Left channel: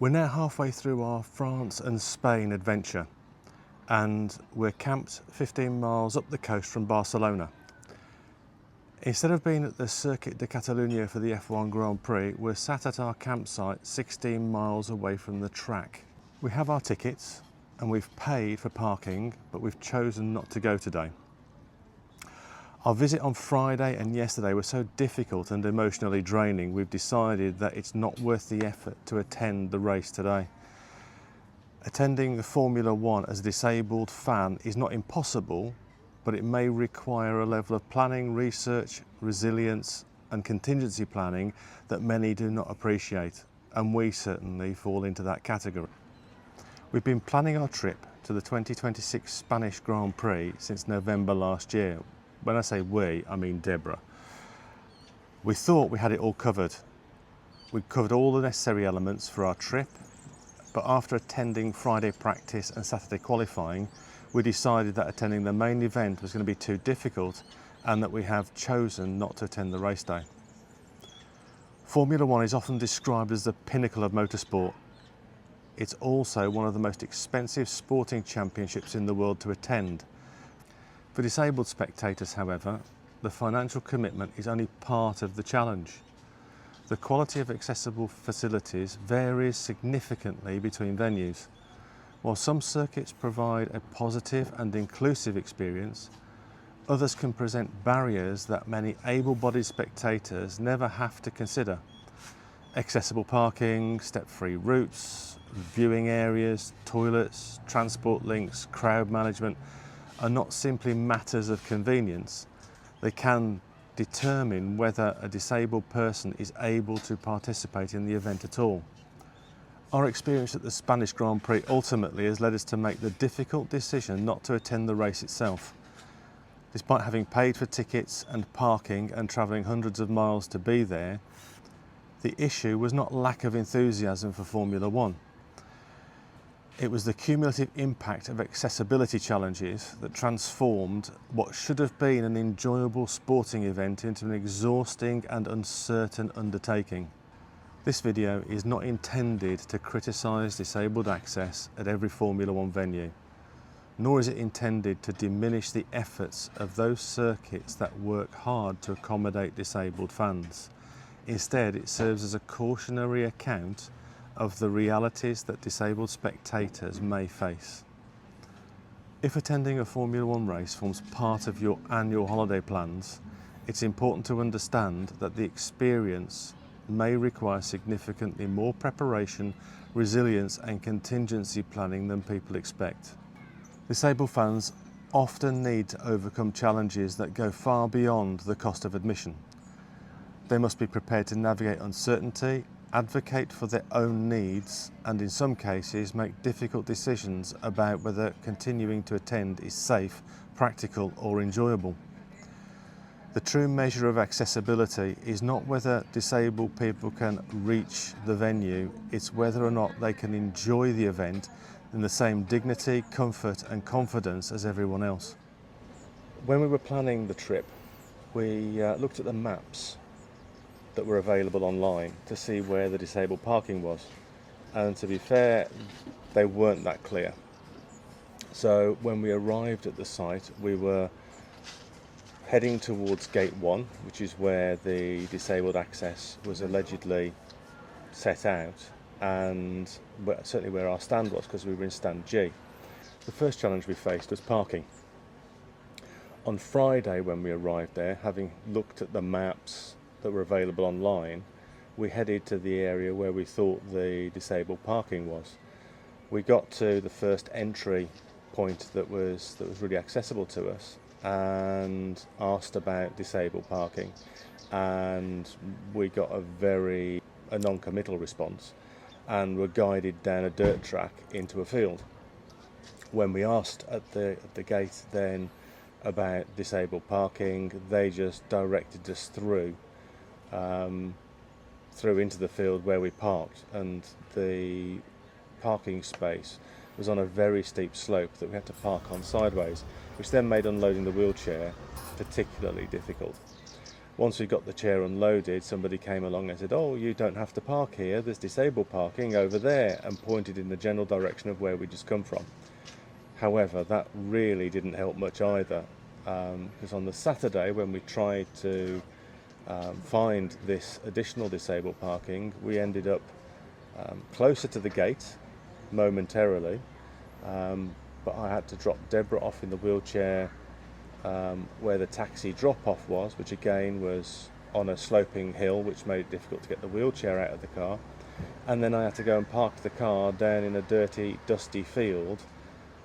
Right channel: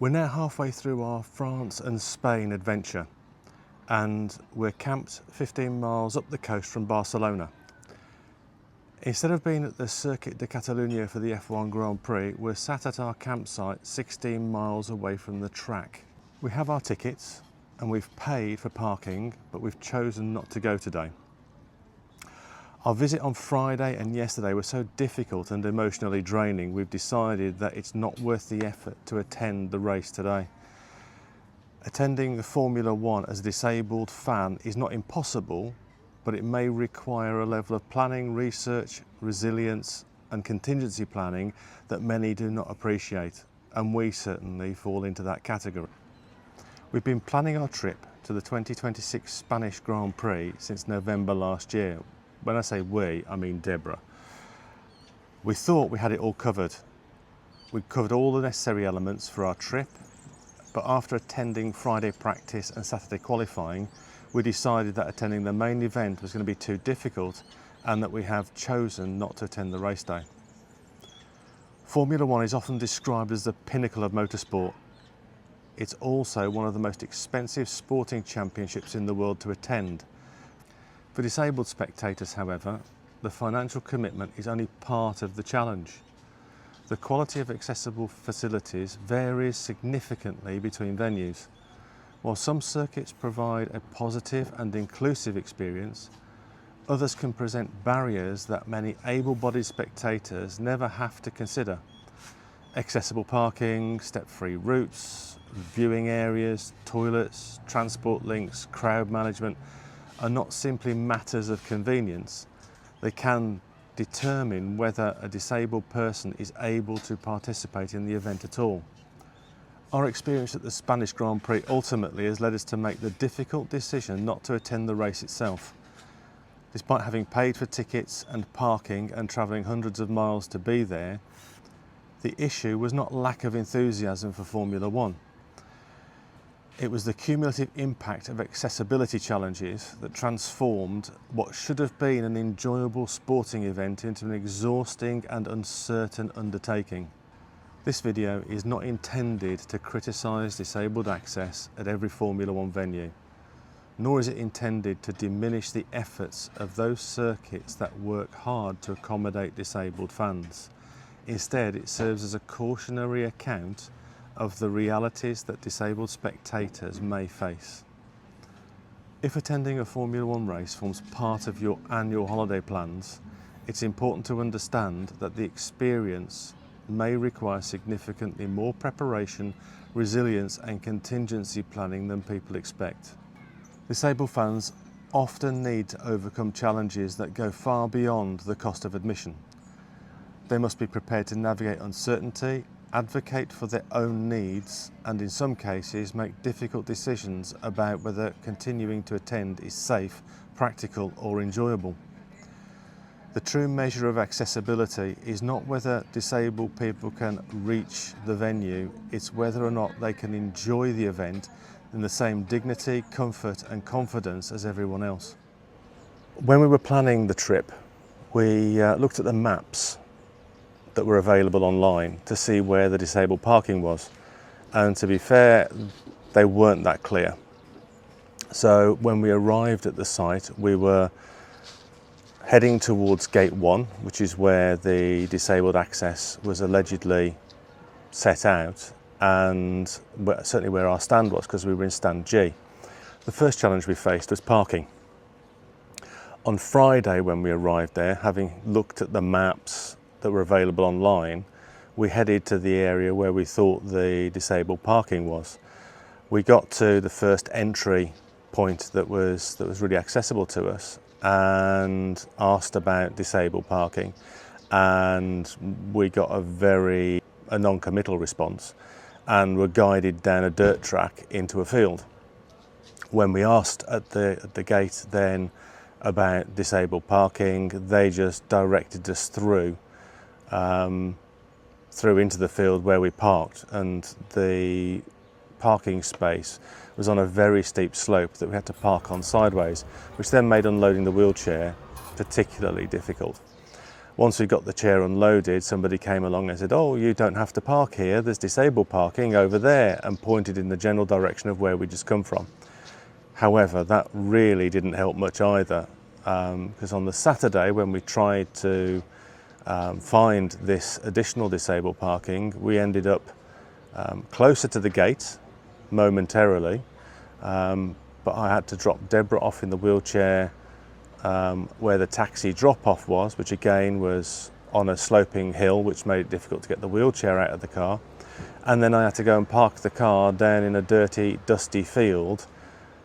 We're now halfway through our France and Spain adventure, and we're camped 15 miles up the coast from Barcelona. Instead of being at the Circuit de Catalunya for the F1 Grand Prix, we're sat at our campsite 16 miles away from the track. We have our tickets and we've paid for parking, but we've chosen not to go today. Our visit on Friday and yesterday were so difficult and emotionally draining, we've decided that it's not worth the effort to attend the race today. Attending the Formula One as a disabled fan is not impossible, but it may require a level of planning, research, resilience and contingency planning that many do not appreciate, and we certainly fall into that category. We've been planning our trip to the 2026 Spanish Grand Prix since November last year. When I say we, I mean Deborah. We thought we had it all covered. We covered all the necessary elements for our trip, but after attending Friday practice and Saturday qualifying, we decided that attending the main event was going to be too difficult and that we have chosen not to attend the race day. Formula One is often described as the pinnacle of motorsport. It's also one of the most expensive sporting championships in the world to attend. For disabled spectators, however, the financial commitment is only part of the challenge. The quality of accessible facilities varies significantly between venues. While some circuits provide a positive and inclusive experience, others can present barriers that many able-bodied spectators never have to consider. Accessible parking, step-free routes, viewing areas, toilets, transport links, crowd management are not simply matters of convenience. They can determine whether a disabled person is able to participate in the event at all. Our experience at the Spanish Grand Prix ultimately has led us to make the difficult decision not to attend the race itself. Despite having paid for tickets and parking and travelling hundreds of miles to be there, the issue was not lack of enthusiasm for Formula One. It was the cumulative impact of accessibility challenges that transformed what should have been an enjoyable sporting event into an exhausting and uncertain undertaking. This video is not intended to criticise disabled access at every Formula One venue, nor is it intended to diminish the efforts of those circuits that work hard to accommodate disabled fans. Instead, it serves as a cautionary account of the realities that disabled spectators may face. If attending a Formula One race forms part of your annual holiday plans, it's important to understand that the experience may require significantly more preparation, resilience and contingency planning than people expect. Disabled fans often need to overcome challenges that go far beyond the cost of admission. They must be prepared to navigate uncertainty, advocate for their own needs, and in some cases make difficult decisions about whether continuing to attend is safe, practical or enjoyable. The true measure of accessibility is not whether disabled people can reach the venue, it's whether or not they can enjoy the event in the same dignity, comfort and confidence as everyone else. When we were planning the trip, we looked at the maps that were available online to see where the disabled parking was, and to be fair, they weren't that clear. So when we arrived at the site, we were heading towards gate 1, which is where the disabled access was allegedly set out, and certainly where our stand was, because we were in stand G. The first challenge we faced was parking. On Friday when we arrived there, having looked at the maps that were available online, we headed to the area where we thought the disabled parking was. We got to the first entry point that was really accessible to us and asked about disabled parking, and we got a non-committal response and were guided down a dirt track into a field. When we asked at the gate then about disabled parking, they just directed us through into the field where we parked, and the parking space was on a very steep slope that we had to park on sideways, which then made unloading the wheelchair particularly difficult. Once we got the chair unloaded, somebody came along and said, "Oh, you don't have to park here, there's disabled parking over there," and pointed in the general direction of where we just come from. However, that really didn't help much either, because on the Saturday when we tried to find this additional disabled parking, we ended up closer to the gate momentarily, but I had to drop Deborah off in the wheelchair where the taxi drop-off was, which again was on a sloping hill, which made it difficult to get the wheelchair out of the car. And then I had to go and park the car down in a dirty, dusty field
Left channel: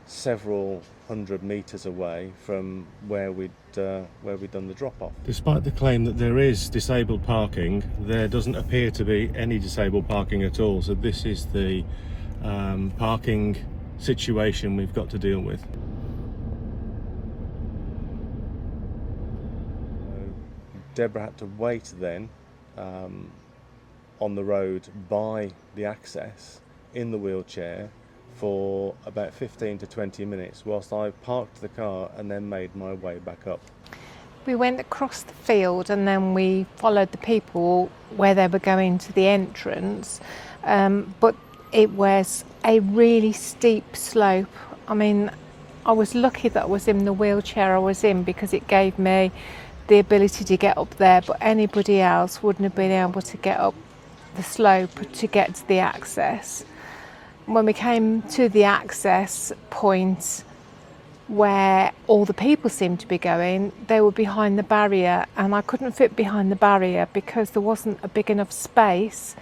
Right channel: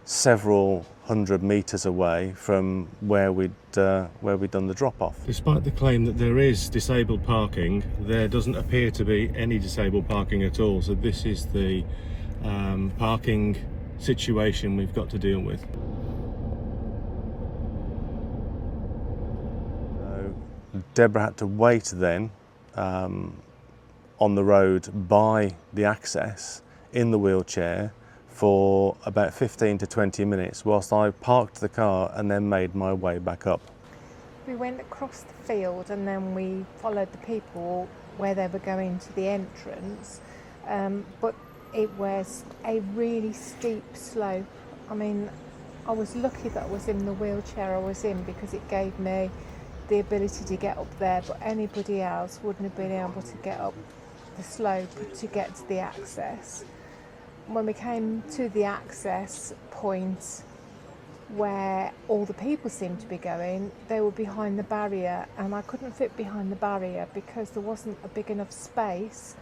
several hundred metres away from where we'd done the drop-off. Despite the claim that there is disabled parking, there doesn't appear to be any disabled parking at all. So this is the parking situation we've got to deal with. Deborah had to wait then on the road by the access in the wheelchair for about 15 to 20 minutes whilst I parked the car and then made my way back up. We went across the field and then we followed the people where they were going to the entrance, but it was a really steep slope. I mean, I was lucky that I was in the wheelchair I was in because it gave me the ability to get up there, but anybody else wouldn't have been able to get up the slope to get to the access. When we came to the access point where all the people seemed to be going, they were behind the barrier, and I couldn't fit behind the barrier because there wasn't a big enough space,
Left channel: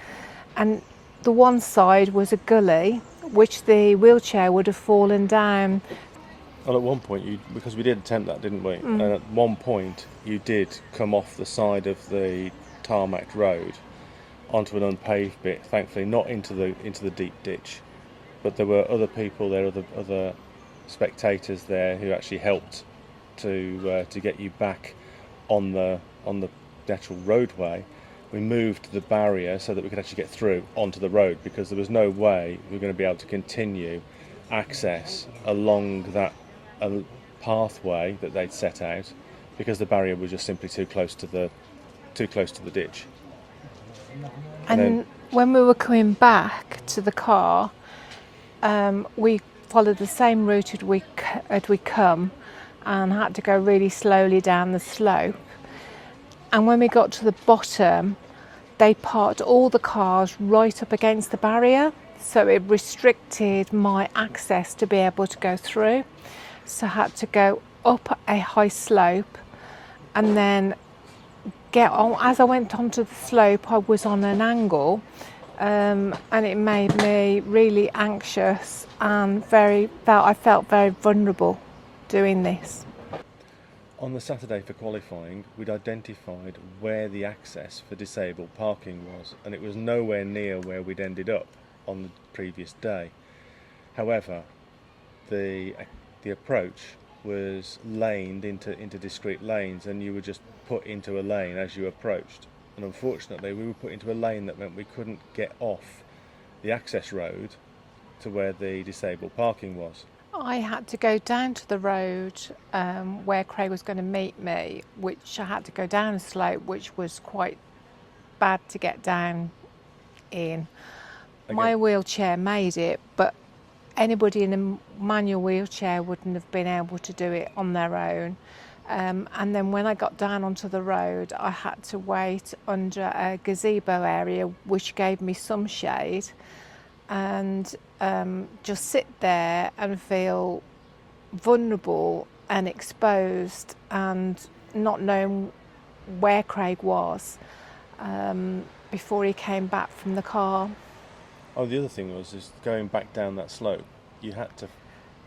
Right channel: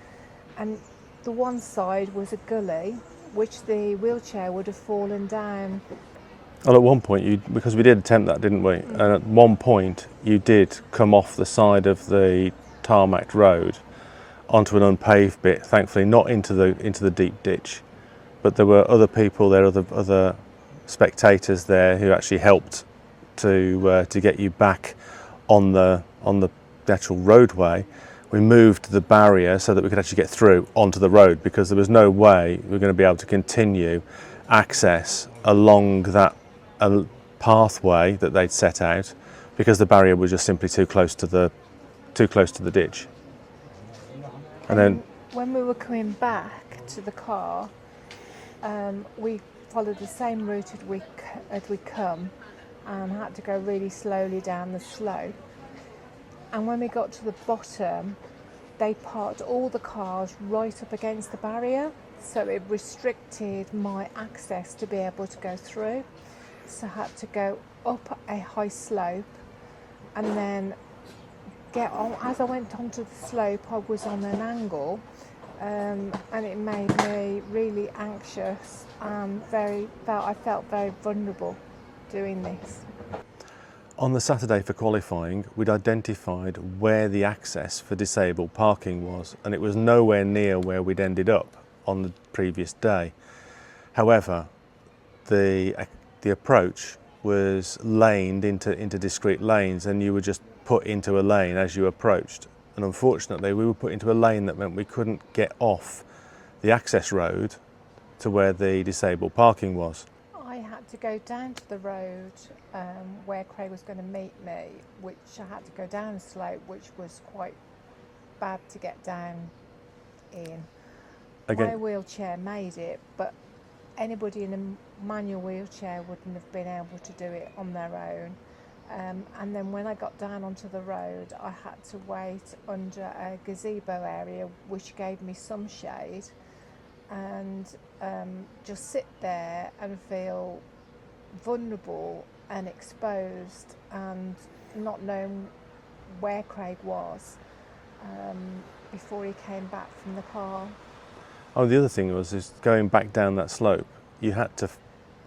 and the one side was a gully which the wheelchair would have fallen down. Well, at one point, because we did attempt that, didn't we? And at one point, you did come off the side of the tarmac road onto an unpaved bit. Thankfully, not into the deep ditch, but there were other people there, other spectators there who actually helped to get you back on the actual roadway. We moved the barrier so that we could actually get through onto the road, because there was no way we were going to be able to continue access along that pathway that they'd set out, because the barrier was just simply too close to the ditch. And then when we were coming back to the car, we followed the same route as we come and had to go really slowly down the slope. And when we got to the bottom, they parked all the cars right up against the barrier, so it restricted my access to be able to go through. So I had to go up a high slope and then get on. As I went onto the slope, I was on an angle, and it made me really anxious and I felt very vulnerable doing this. On the Saturday for qualifying, we'd identified where the access for disabled parking was, and it was nowhere near where we'd ended up on the previous day. However, the approach was laned into discrete lanes, and you were just put into a lane as you approached. And unfortunately, we were put into a lane that meant we couldn't get off the access road to where the disabled parking was. I had to go down to the road where Craig was going to meet me, which I had to go down a slope, which was quite bad to get down in. Again, my wheelchair made it, but anybody in a manual wheelchair wouldn't have been able to do it on their own. And then when I got down onto the road, I had to wait under a gazebo area, which gave me some shade, and just sit there and feel vulnerable and exposed and not knowing where Craig was before he came back from the car. Oh, the other thing is going back down that slope, you had to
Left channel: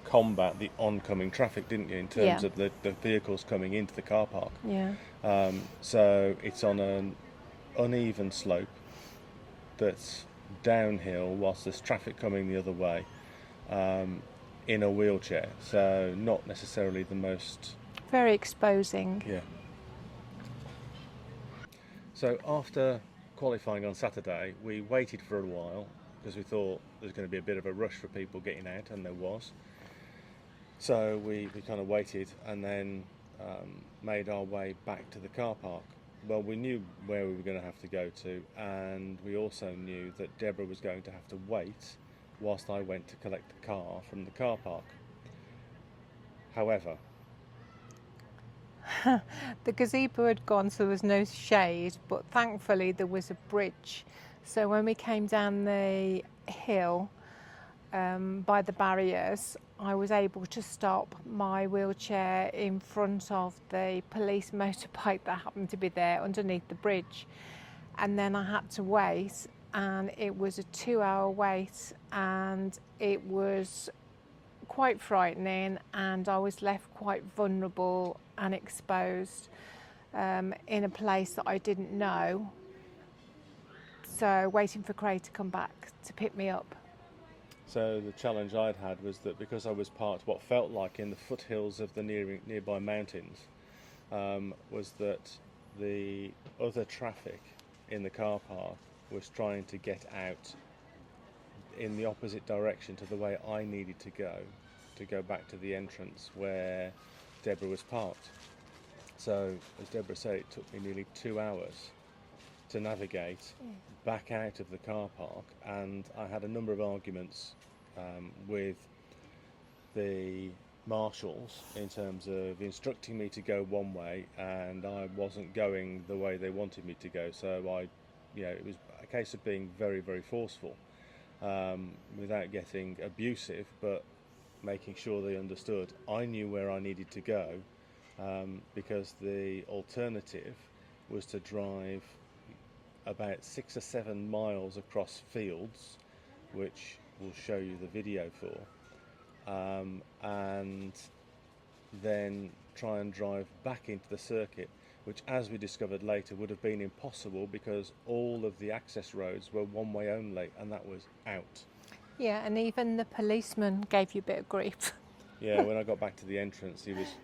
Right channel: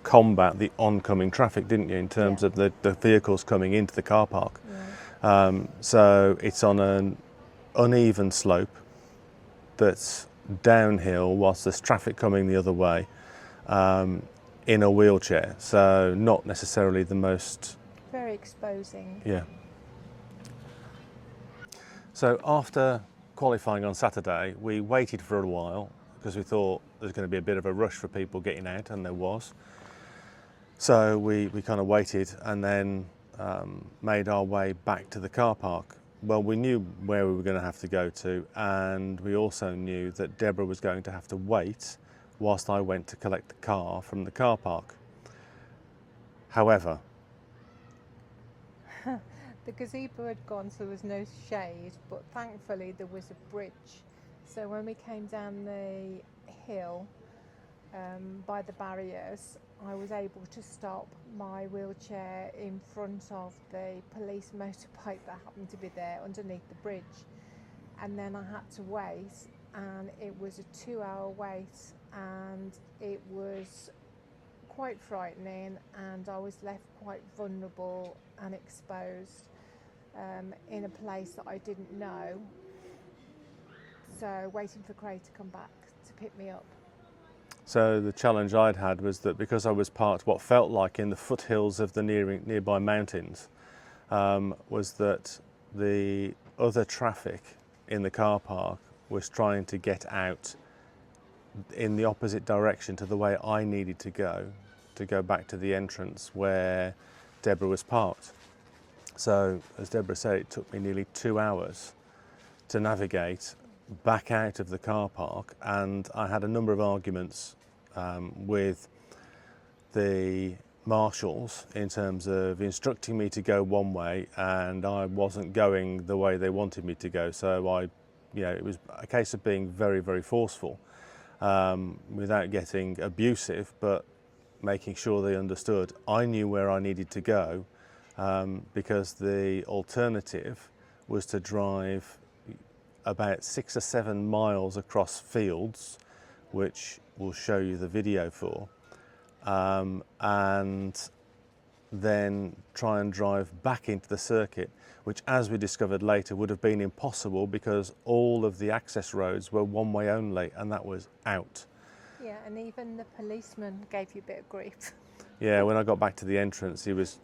combat the oncoming traffic, didn't you, in terms of the vehicles coming into the car park. Yeah. So it's on an uneven slope that's downhill whilst there's traffic coming the other way, in a wheelchair, so not necessarily the most... Very exposing. Yeah. So after qualifying on Saturday, we waited for a while because we thought there's going to be a bit of a rush for people getting out, and there was. So we kind of waited and then made our way back to the car park. Well, we knew where we were going to have to go to, and we also knew that Deborah was going to have to wait whilst I went to collect the car from the car park. However, the gazebo had gone, so there was no shade, but thankfully there was a bridge. So when we came down the hill by the barriers, I was able to stop my wheelchair in front of the police motorbike that happened to be there underneath the bridge. And then I had to wait, and it was a 2-hour wait, and it was quite frightening, and I was left quite vulnerable and exposed in a place that I didn't know. So waiting for Craig to come back to pick me up. so the challenge I'd had was that because I was parked what felt like in the foothills of the nearby mountains, was that the other traffic in the car park was trying to get out in the opposite direction to the way I needed to go back to the entrance where Deborah was parked. So, as Deborah said, it took me nearly 2 hours to navigate back out of the car park, and I had a number of arguments with the marshals in terms of instructing me to go one way, and I wasn't going the way they wanted me to go. So it was a case of being very, very forceful, without getting abusive, but making sure they understood I knew where I needed to go, because the alternative was to drive about 6 or 7 miles across fields, which we'll show you the video for, and then try and drive back into the circuit, which, as we discovered later, would have been impossible because all of the access roads were one way only, and that was out. Yeah, and even the policeman gave you a bit of grief. Yeah, when I got back to the entrance, he was,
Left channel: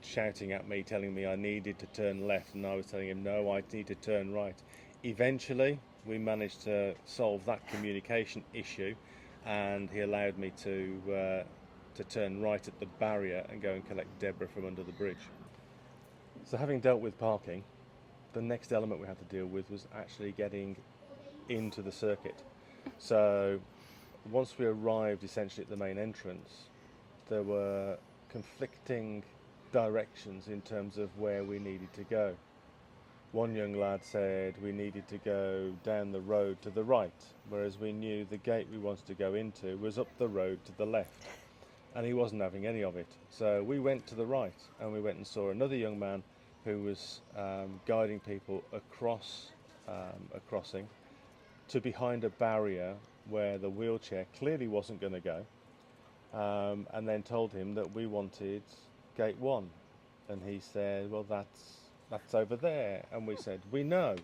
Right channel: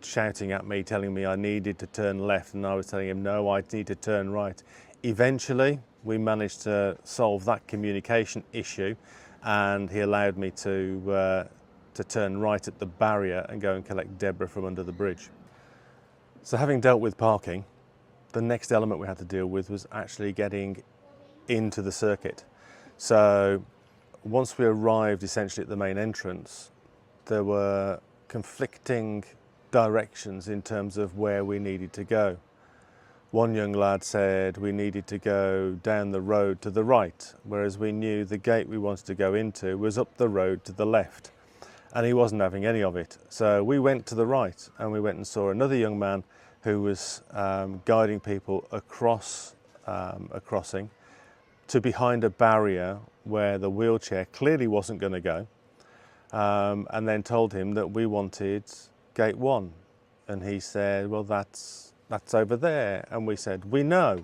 shouting at me, telling me I needed to turn left, and I was telling him, no, I need to turn right. Eventually, we managed to solve that communication issue, and he allowed me to turn right at the barrier and go and collect Deborah from under the bridge. So having dealt with parking, the next element we had to deal with was actually getting into the circuit. So once we arrived essentially at the main entrance, there were conflicting directions in terms of where we needed to go. One young lad said we needed to go down the road to the right, whereas we knew the gate we wanted to go into was up the road to the left, and he wasn't having any of it. So we went to the right, and we went and saw another young man who was guiding people across a crossing to behind a barrier where the wheelchair clearly wasn't going to go, and then told him that we wanted gate 1, and he said, well, that's over there, and we said, we know.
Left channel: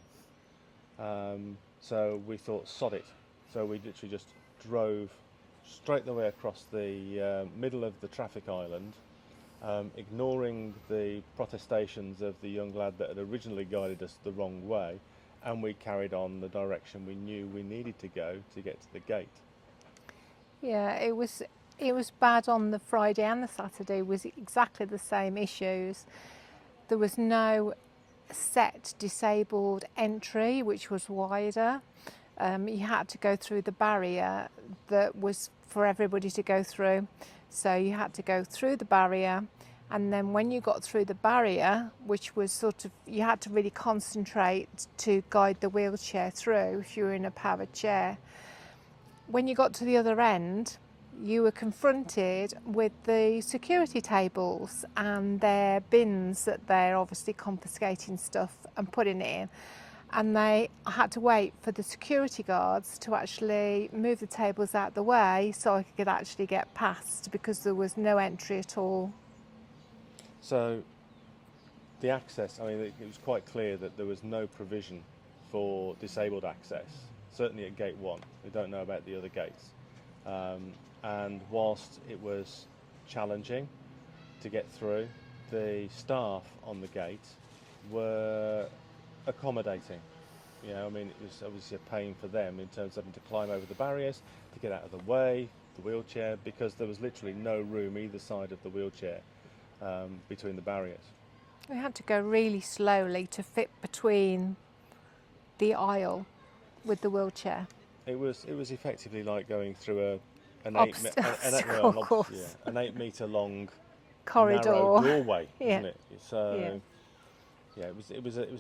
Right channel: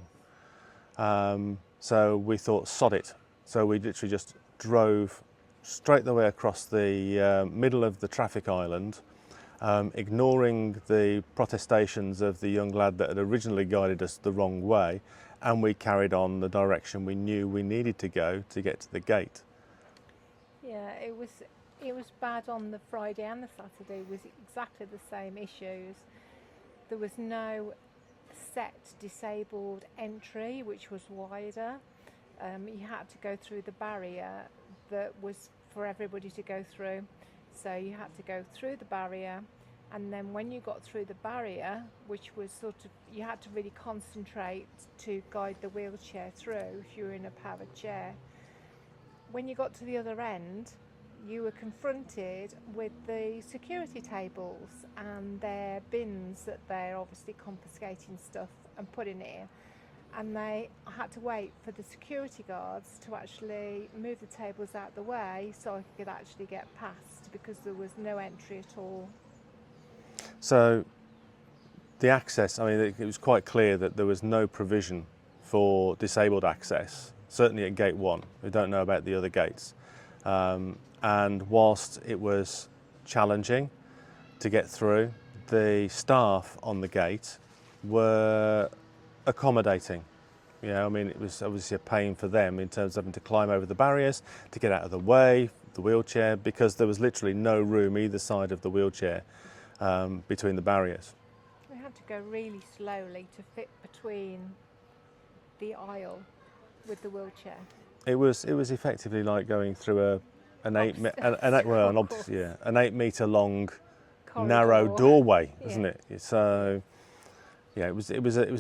So we thought, sod it. So we literally just drove straight the way across the middle of the traffic island, ignoring the protestations of the young lad that had originally guided us the wrong way, and we carried on the direction we knew we needed to go to get to the gate. Yeah, it was bad on the Friday, and the Saturday was exactly the same issues. There was no set disabled entry, which was wider. You had to go through the barrier that was for everybody to go through. So you had to go through the barrier, and then when you got through the barrier, which was sort of, you had to really concentrate to guide the wheelchair through if you were in a powered chair. When you got to the other end, you were confronted with the security tables and their bins that they're obviously confiscating stuff and putting it in. And they had to wait for the security guards to actually move the tables out the way so I could actually get past, because there was no entry at all. So the access, it was quite clear that there was no provision for disabled access, certainly at gate 1. We don't know about the other gates. And whilst it was challenging to get through, the staff on the gate were accommodating. It was obviously a pain for them in terms of having to climb over the barriers to get out of the way, the wheelchair, because there was literally no room either side of the wheelchair between the barriers. We had to go really slowly to fit between the aisle with the wheelchair. It was effectively like going through an Obstacle course. an 8 metre long Corridor. narrow doorway, Yeah. isn't it? So yeah, it was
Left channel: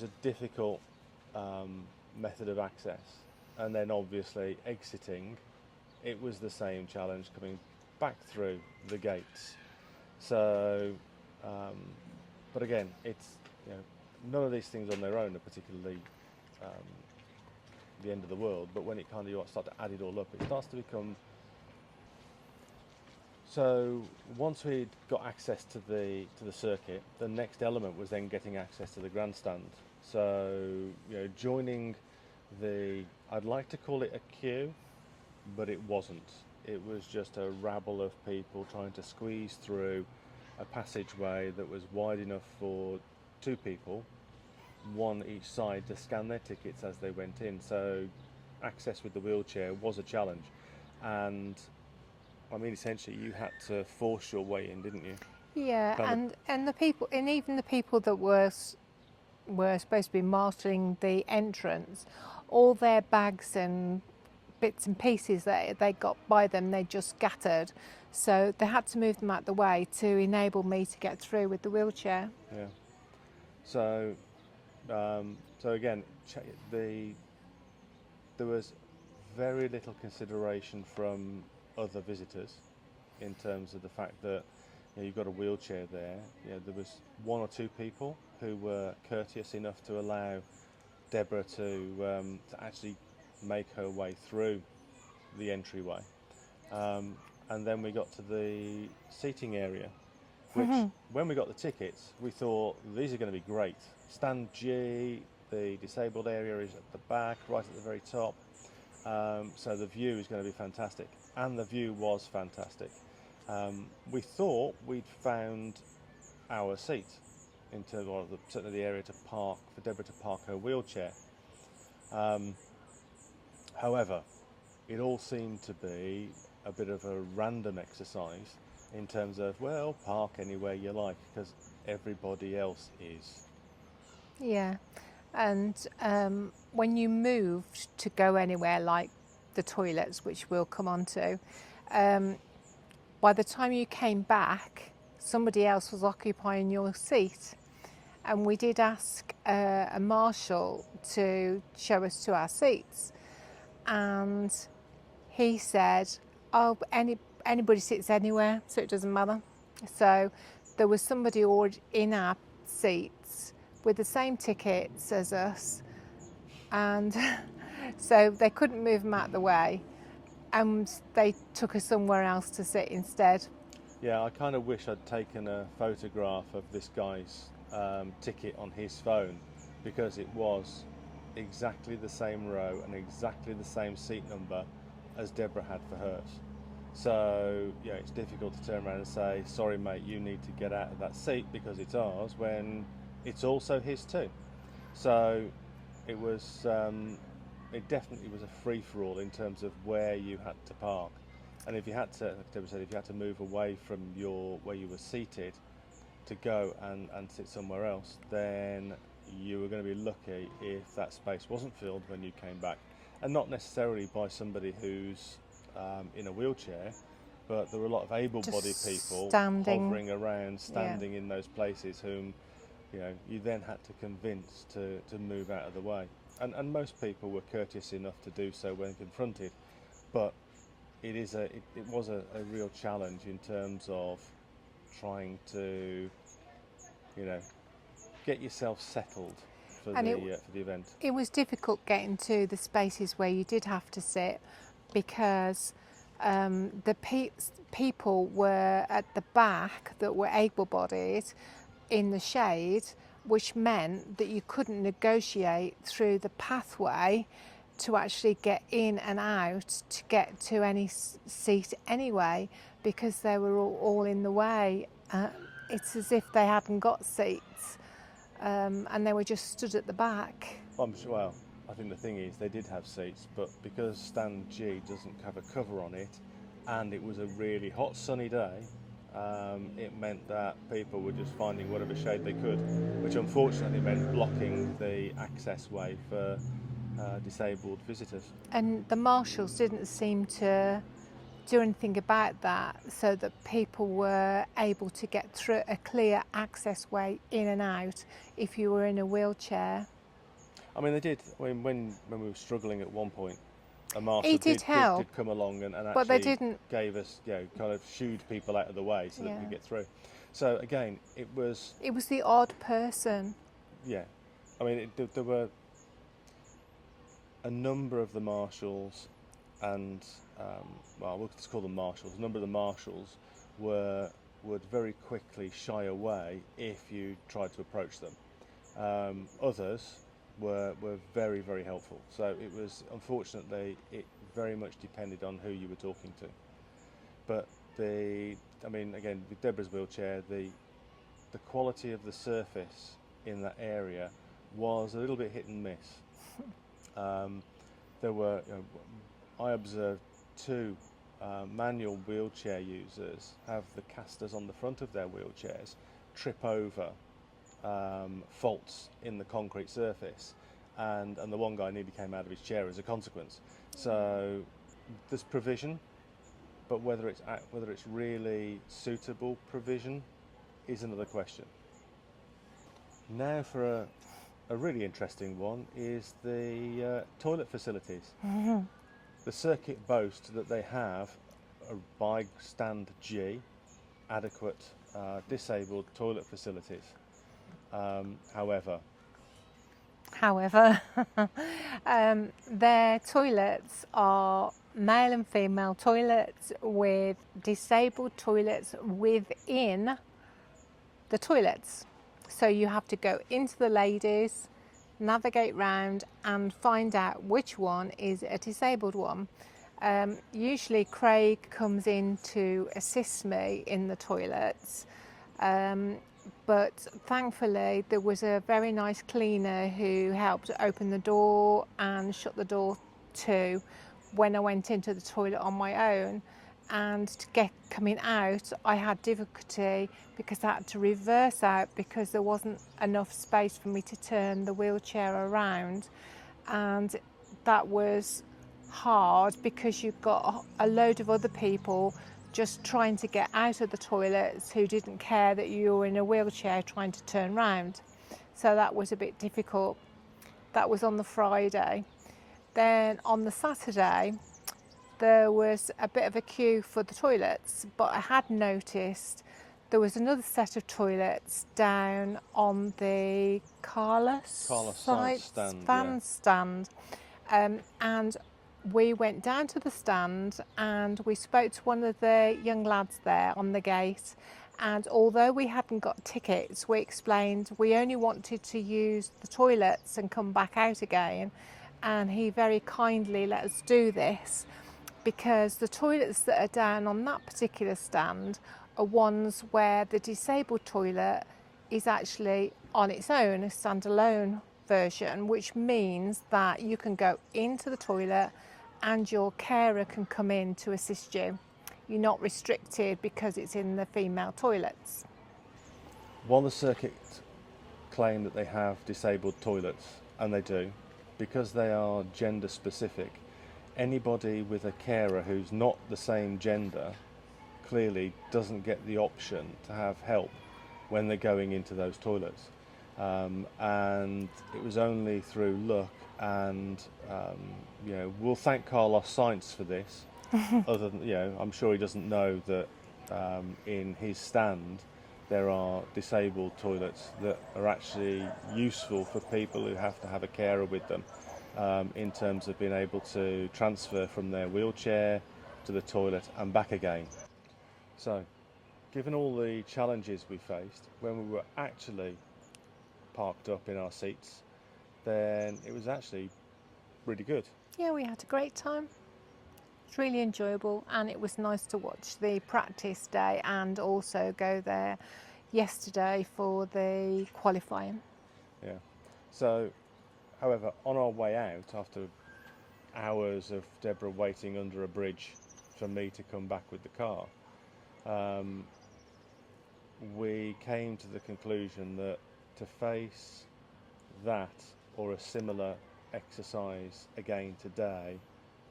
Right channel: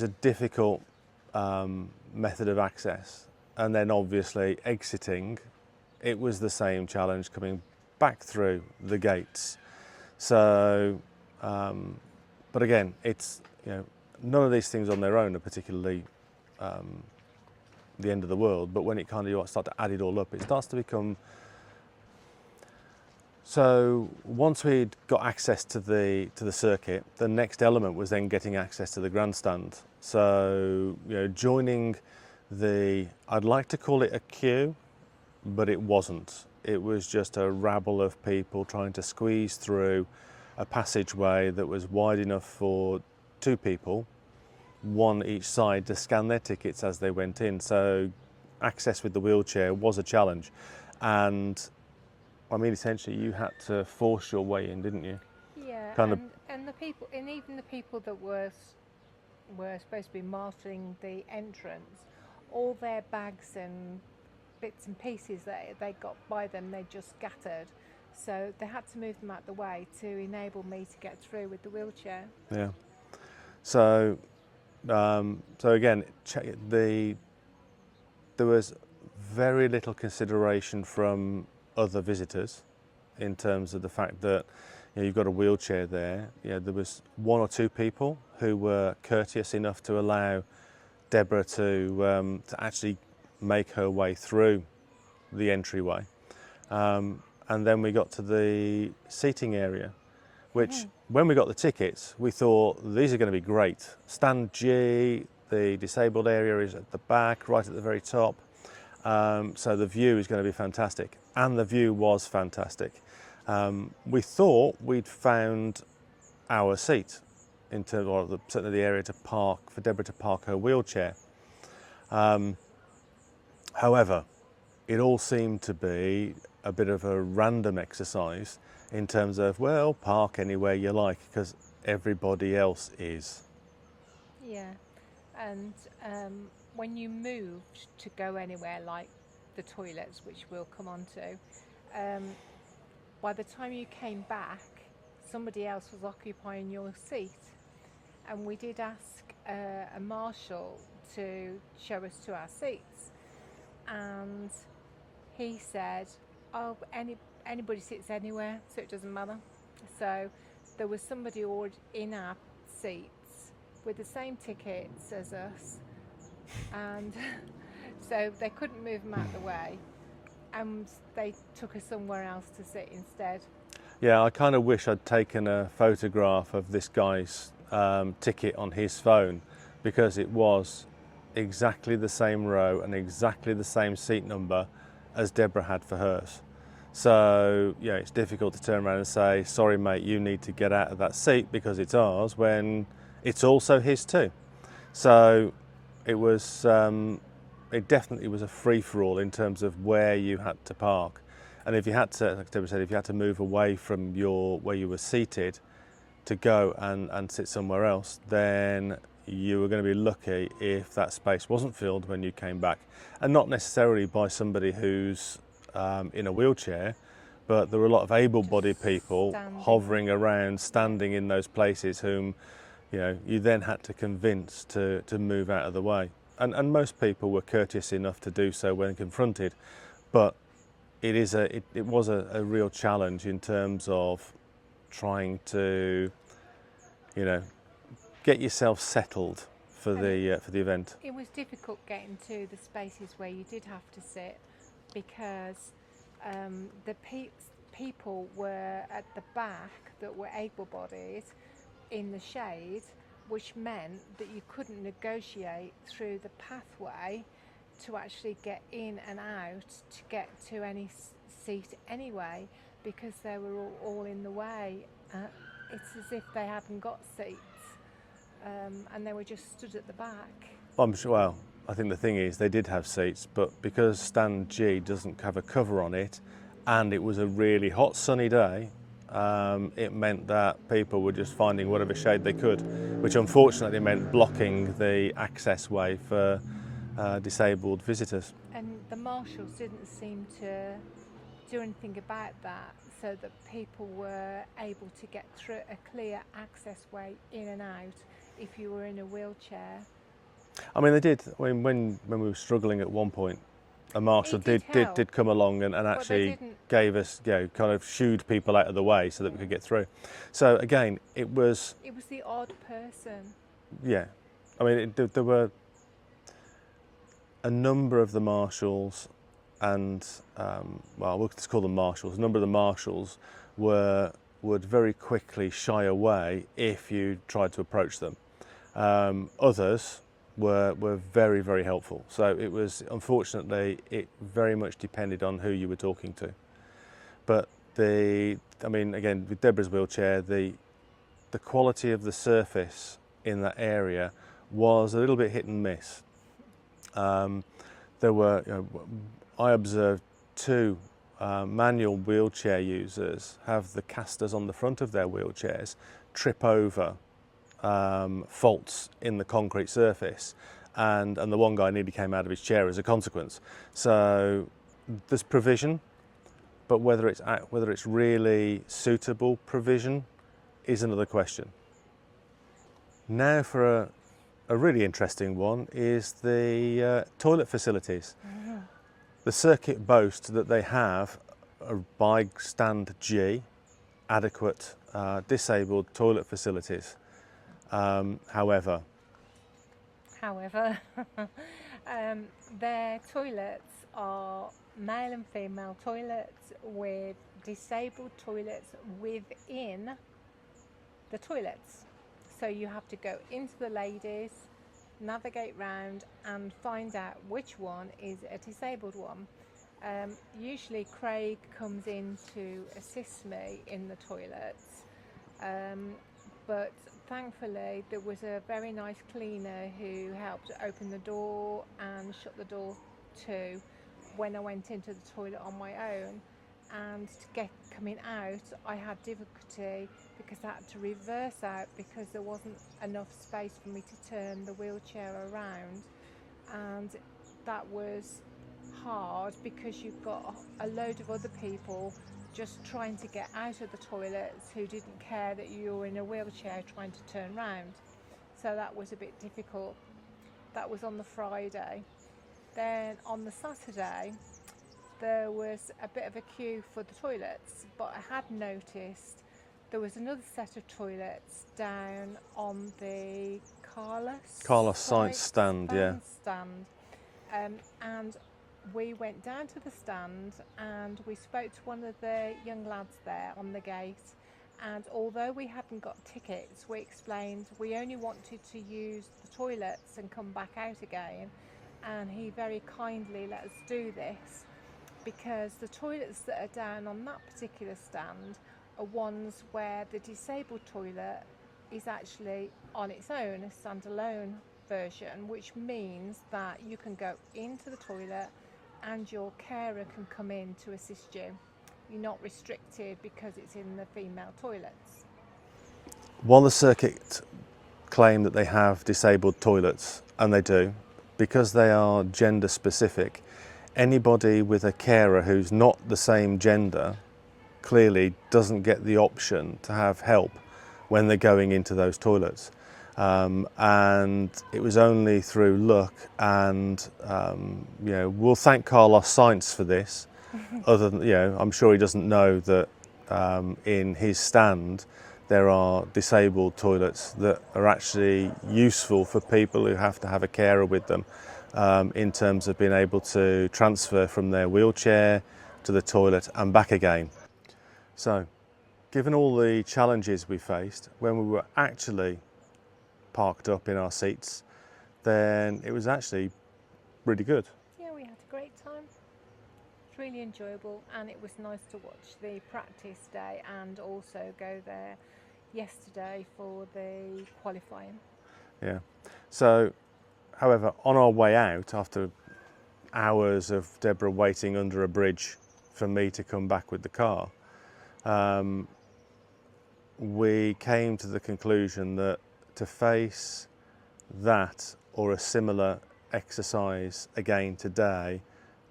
a difficult method of access, and then obviously exiting, it was the same challenge coming back through the gates. So, but again, it's, you know, none of these things on their own are particularly the end of the world, but when it kind of start to add it all up, it starts to become. So once we'd got access to the circuit, the next element was then getting access to the grandstand. So, you know, joining I'd like to call it a queue, but it wasn't. It was just a rabble of people trying to squeeze through a passageway that was wide enough for 2 people, one each side, to scan their tickets as they went in. So access with the wheelchair was a challenge, and I mean, essentially, you had to force your way in, didn't you? Yeah, and the people, and even the people that were supposed to be marshalling the entrance, all their bags and bits and pieces that they got by them, they just scattered. So they had to move them out the way to enable me to get through with the wheelchair. Yeah. So, again, there was very little consideration from other visitors in terms of the fact that, you know, you've got a wheelchair there. You know, there was 1 or 2 people who were courteous enough to allow Deborah to actually make her way through the entryway, and then we got to the seating area, which when we got the tickets, we thought these are going to be great. Stand G, the disabled area, is at the back, right at the very top. So the view is going to be fantastic, and the view was fantastic. We thought we'd found our seat in terms of certainly the area to park for Deborah to park her wheelchair. However, it all seemed to be a bit of a random exercise in terms of, well, park anywhere you like because everybody else is. Yeah, and when you moved to go anywhere like the toilets, which we'll come on to, by the time you came back, somebody else was occupying your seat. And we did ask a marshal to show us to our seats. And he said, oh, anybody sits anywhere, so it doesn't matter. So there was somebody already in our seats with the same tickets as us, and so they couldn't move them out of the way, and they took us somewhere else to sit instead. Yeah, I kind of wish I'd taken a photograph of this guy's ticket on his phone, because it was exactly the same row and exactly the same seat number as Deborah had for hers. So yeah, it's difficult to turn around and say, sorry mate, you need to get out of that seat because it's ours, when it's also his too. So it was, it definitely was a free-for-all in terms of where you had to park. And if you had to, like Deborah said, if you had to move away from where you were seated to go and sit somewhere else, then you were going to be lucky if that space wasn't filled when you came back. And not necessarily by somebody who's in a wheelchair, but there were a lot of able-bodied people hovering around, standing in those places, whom, you know, you then had to convince to move out of the way. And most people were courteous enough to do so when confronted, but it was a real challenge in terms of trying to, you know, get yourself settled for the event. It was difficult getting to the spaces where you did have to sit, because the people were at the back that were able-bodied in the shade, which meant that you couldn't negotiate through the pathway to actually get in and out to get to any seat anyway, because they were all in the way. It's as if they hadn't got seats, and they were just stood at the back. I'm sure, well, I think the thing is they did have seats, but because stand G doesn't have a cover on it, and it was a really hot sunny day, it meant that people were just finding whatever shade they could, which unfortunately meant blocking the access way for disabled visitors. And the marshals didn't seem to do anything about that, so that people were able to get through a clear access way in and out if you were in a wheelchair. I mean, they did. When we were struggling at one point, a marshal He did come along and but they actually didn't. gave us, kind of shooed people out of the way so that we Yeah. could get through. So again, it was, the odd person. yeah. I mean, there were a number of the marshals, and well, we'll just call them marshals. A number of the marshals would very quickly shy away if you tried to approach them. Others were very, very helpful. So it was, unfortunately, it very much depended on who you were talking to. But I mean, again, with Deborah's wheelchair, the quality of the surface in that area was a little bit hit and miss. There were, I observed two manual wheelchair users have the casters on the front of their wheelchairs trip over faults in the concrete surface, and the one guy nearly came out of his chair as a consequence. So there's provision, but whether it's really suitable provision is another question. Now for a really interesting one is the toilet facilities. Mm-hmm. The circuit boasts that they have by stand G adequate disabled toilet facilities. However, their toilets are male and female toilets with disabled toilets within the toilets. So you have to go into the ladies, navigate round and find out which one is a disabled one. Usually Craig comes in to assist me in the toilets, but thankfully there was a very nice cleaner who helped open the door and shut the door too when I went into the toilet on my own. And coming out, I had difficulty because I had to reverse out because there wasn't enough space for me to turn the wheelchair around, and that was hard because you've got a load of other people just trying to get out of the toilets who didn't care that you were in a wheelchair trying to turn round. So that was a bit difficult. That was on the Friday. Then on the Saturday, there was a bit of a queue for the toilets, but I had noticed there was another set of toilets down on the Carlos Science stand, and we went down to the stand and we spoke to one of the young lads there on the gate, and although we hadn't got tickets, we explained we only wanted to use the toilets and come back out again, and he very kindly let us do this, because the toilets that are down on that particular stand are ones where the disabled toilet is actually on its own, a standalone version, which means that you can go into the toilet and your carer can come in to assist you. You're not restricted because it's in the female toilets. while the circuit claim that they have disabled toilets, and they do, because they are gender specific, anybody with a carer who's not the same gender clearly doesn't get the option to have help when they're going into those toilets. And it was only through luck, and we'll thank Carlos Sainz for this. Other than, I'm sure he doesn't know that in his stand there are disabled toilets that are actually useful for people who have to have a carer with them, in terms of being able to transfer from their wheelchair to the toilet and back again. So, given all the challenges we faced when we were actually parked up in our seats, then it was actually really good. Yeah, we had a great time. It's really enjoyable, and it was nice to watch the practice day and also go there yesterday for the qualifying. Yeah. So, however, on our way out, after hours of Deborah waiting under a bridge for me to come back with the car, we came to the conclusion that to face that or a similar exercise again today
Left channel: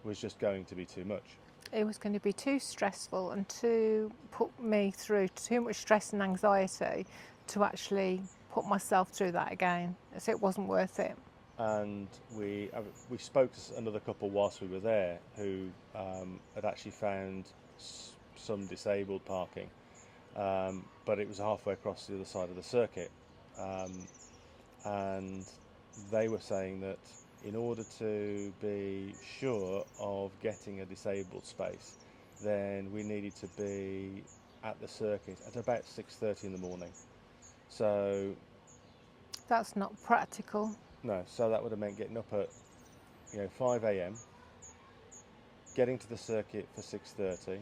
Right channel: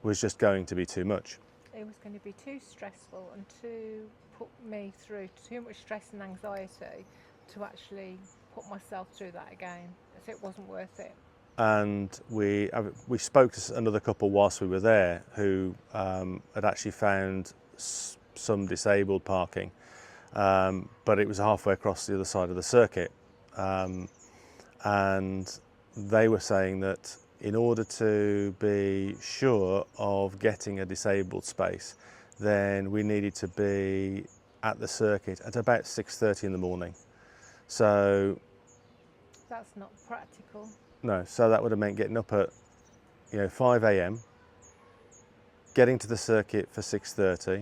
was just going to be too much. It was going to be too stressful and to put me through too much stress and anxiety to actually put myself through that again. So it wasn't worth it. And we spoke to another couple whilst we were there who had actually found some disabled parking, but it was halfway across the other side of the circuit, and they were saying that in order to be sure of getting a disabled space, then we needed to be at the circuit at about 6:30 in the morning. So that's not practical. No, so that would have meant getting up at 5 a.m, getting to the circuit for 6:30,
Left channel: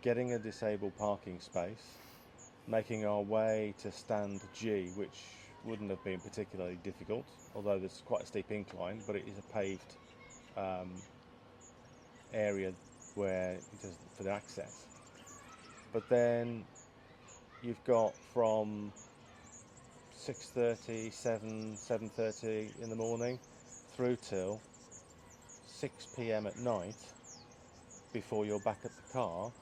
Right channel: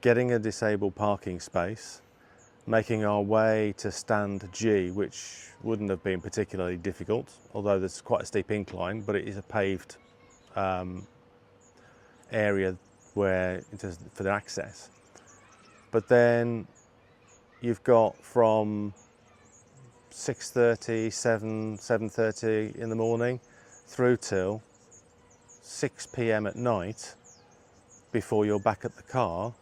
getting a disabled parking space, making our way to stand G, which wouldn't have been particularly difficult, although there's quite a steep incline, but it is a paved area where for the access. But then you've got from 6:30, 7:30 in the morning through till 6 p.m. at night before you're back at the car,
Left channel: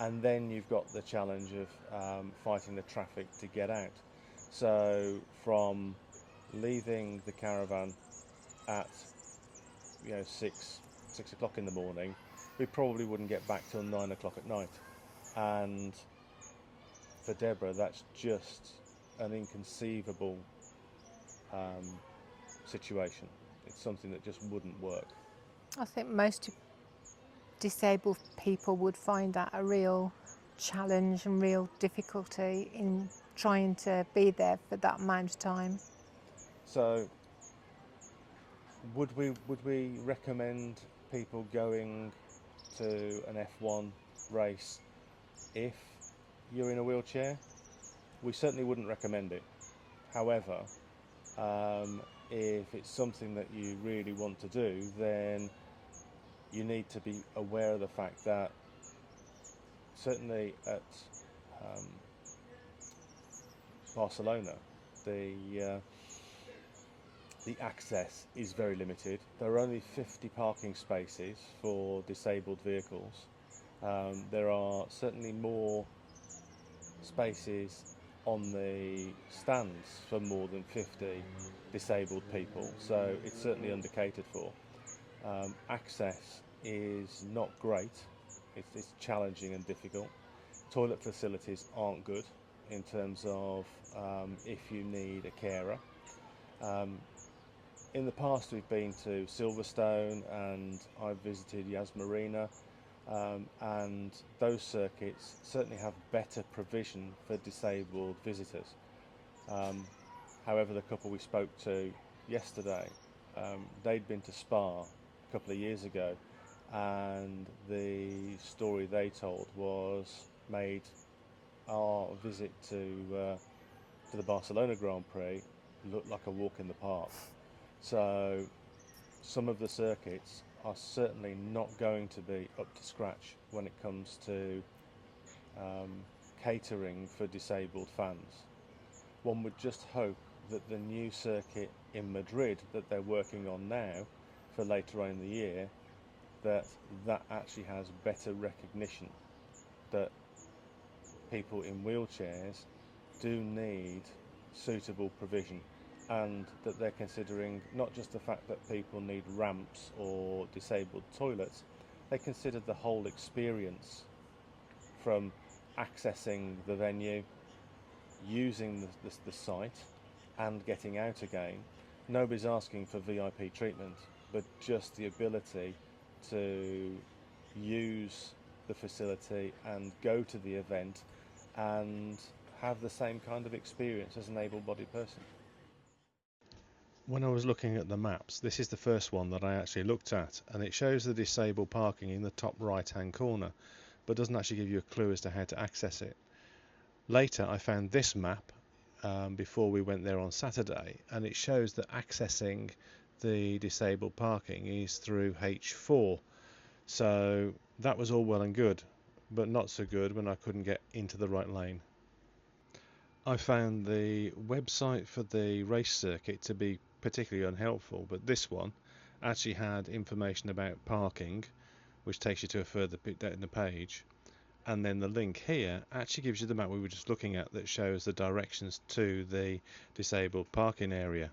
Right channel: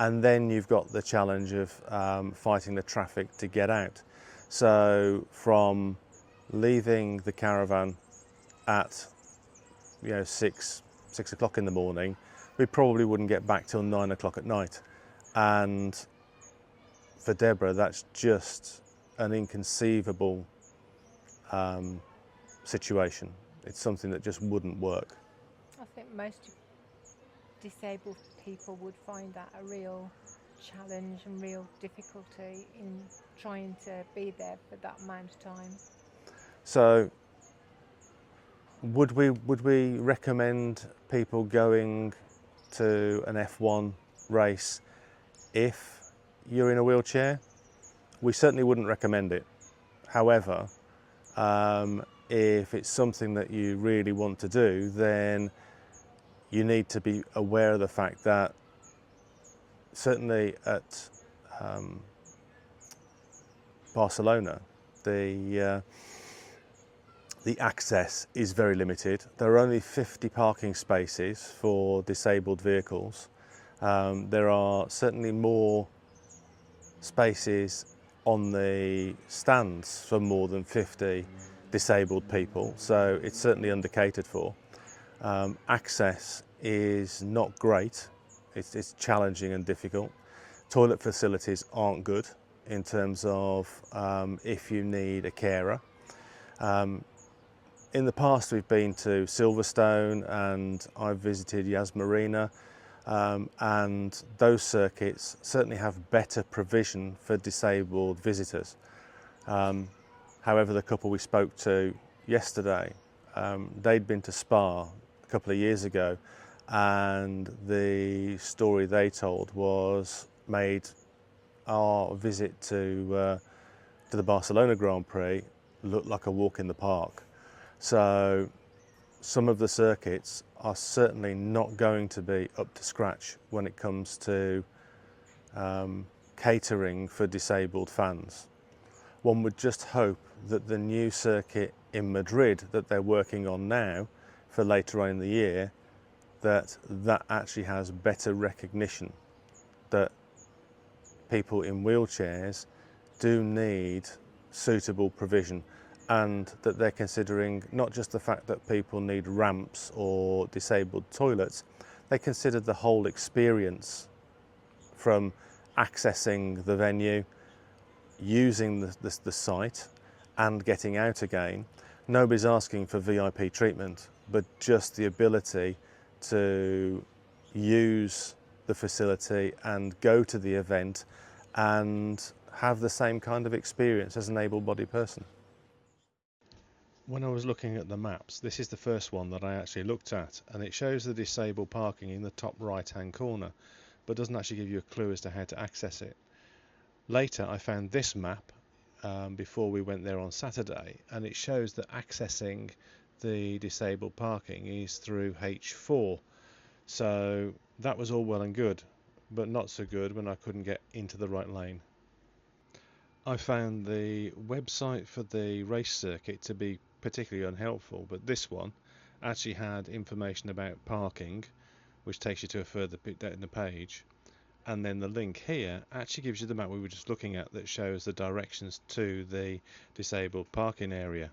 and then you've got the challenge of fighting the traffic to get out. So from leaving the caravan at 6 o'clock in the morning, we probably wouldn't get back till 9 o'clock at night, and for Deborah that's just an inconceivable situation. It's something that just wouldn't work. I think most disabled people would find that a real challenge and real difficulty in trying to be there for that amount of time. So would we recommend people going to an F1 race if you're in a wheelchair? We certainly wouldn't recommend it. However, if it's something that you really want to do, then you need to be aware of the fact that certainly at Barcelona, the access is very limited. There are only 50 parking spaces for disabled vehicles. There are certainly more spaces on the stands for more than 50 disabled people, so it's certainly undercatered for. Access is not great, it's challenging and difficult. Toilet facilities aren't good in terms of if you need a carer. In the past we've been to Silverstone and I've visited Yas Marina, and those circuits certainly have better provision for disabled visitors. However, the couple we spoke to yesterday, they'd been to Spa a couple of years ago, and the story they told made our visit to the Barcelona Grand Prix look like a walk in the park. So some of the circuits are certainly not going to be up to scratch when it comes to catering for disabled fans. One would just hope that the new circuit in Madrid that they're working on now for later on in the year, that actually has better recognition that people in wheelchairs do need suitable provision, and that they're considering not just the fact that people need ramps or disabled toilets, they consider the whole experience from accessing the venue, using the site and getting out again. Nobody's asking for VIP treatment, but just the ability to use the facility and go to the event and have the same kind of experience as an able-bodied person. When I was looking at the maps, this is the first one that I actually looked at, and it shows the disabled parking in the top right hand corner, but doesn't actually give you a clue as to how to access it. Later I found this map before we went there on Saturday, and it shows that accessing the disabled parking is through H4. So that was all well and good, but not so good when I couldn't get into the right lane. I found the website for the race circuit to be particularly unhelpful, but this one actually had information about parking, which takes you to a further bit in the page, and then the link here actually gives you the map we were just looking at that shows the directions to the disabled parking area.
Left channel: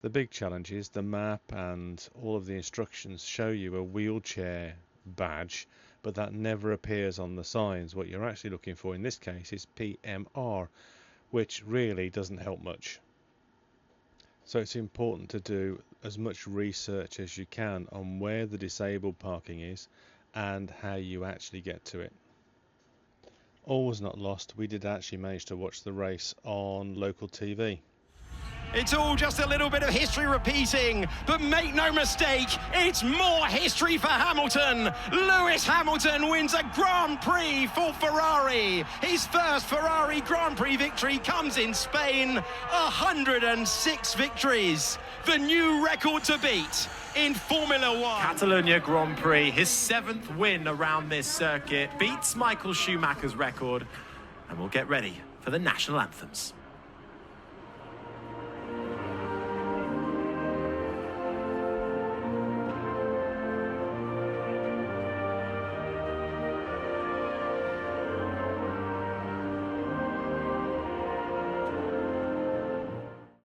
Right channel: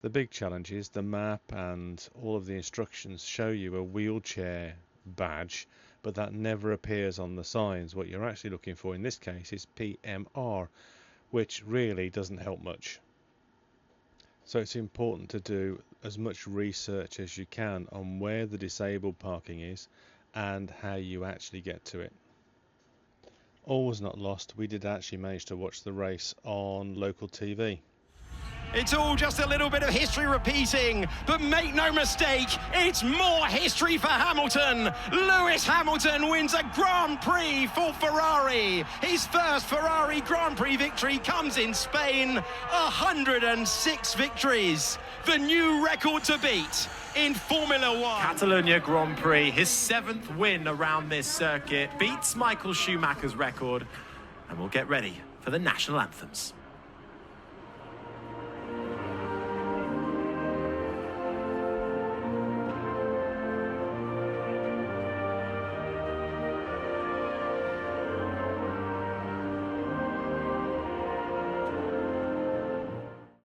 The big challenge is the map and all of the instructions show you a wheelchair badge, but that never appears on the signs. What you're actually looking for in this case is PMR, which really doesn't help much. So it's important to do as much research as you can on where the disabled parking is and how you actually get to it. All was not lost. We did actually manage to watch the race on local TV. It's all just a little bit of history repeating, but make no mistake, it's more history for Hamilton. Lewis Hamilton wins a Grand Prix for Ferrari. His first Ferrari Grand Prix victory comes in Spain. 106 victories, the new record to beat in Formula One. Catalonia Grand Prix, his 7th win around this circuit, beats Michael Schumacher's record, and we'll get ready for the national anthems.